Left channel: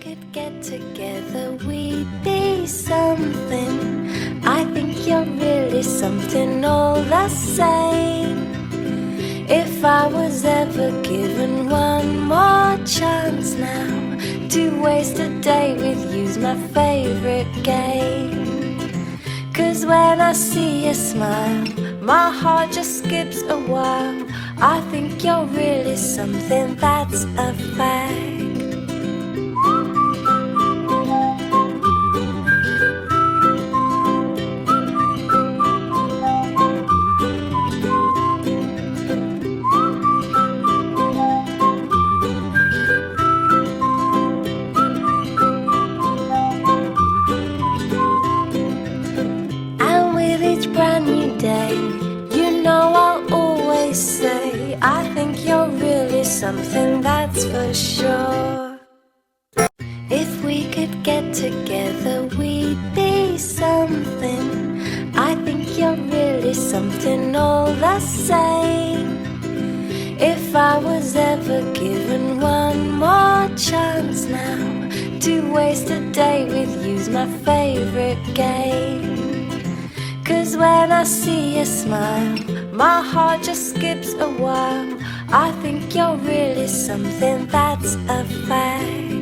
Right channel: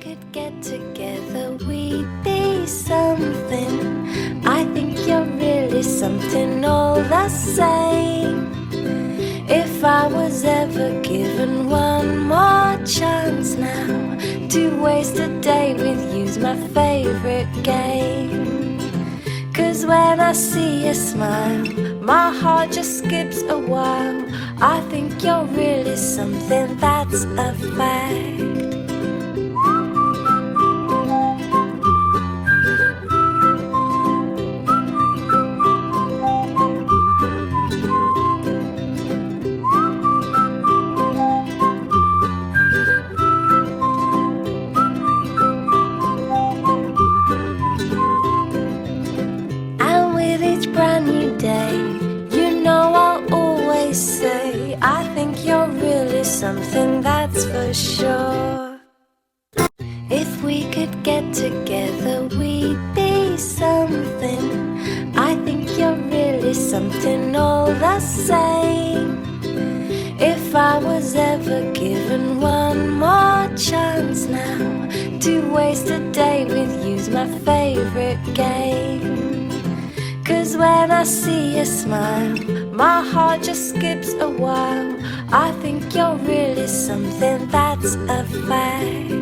could get together, we'd be something. I think you're really something all the same. If I was ever given one more chance now to waste a day with you's my favorite game. 'Cause when I see you smile, my heart just skips a while. I think you're really something, that's a fact. Brand new day, you know I'll always say I think you're really something, that's for sure. If we could get together, we'd be something. I think you're really something all the same. If I was ever given one more chance now to waste a day with you's my favorite game. 'Cause when I see you smile, my heart just skips a while. I think you're really something, that's a fact.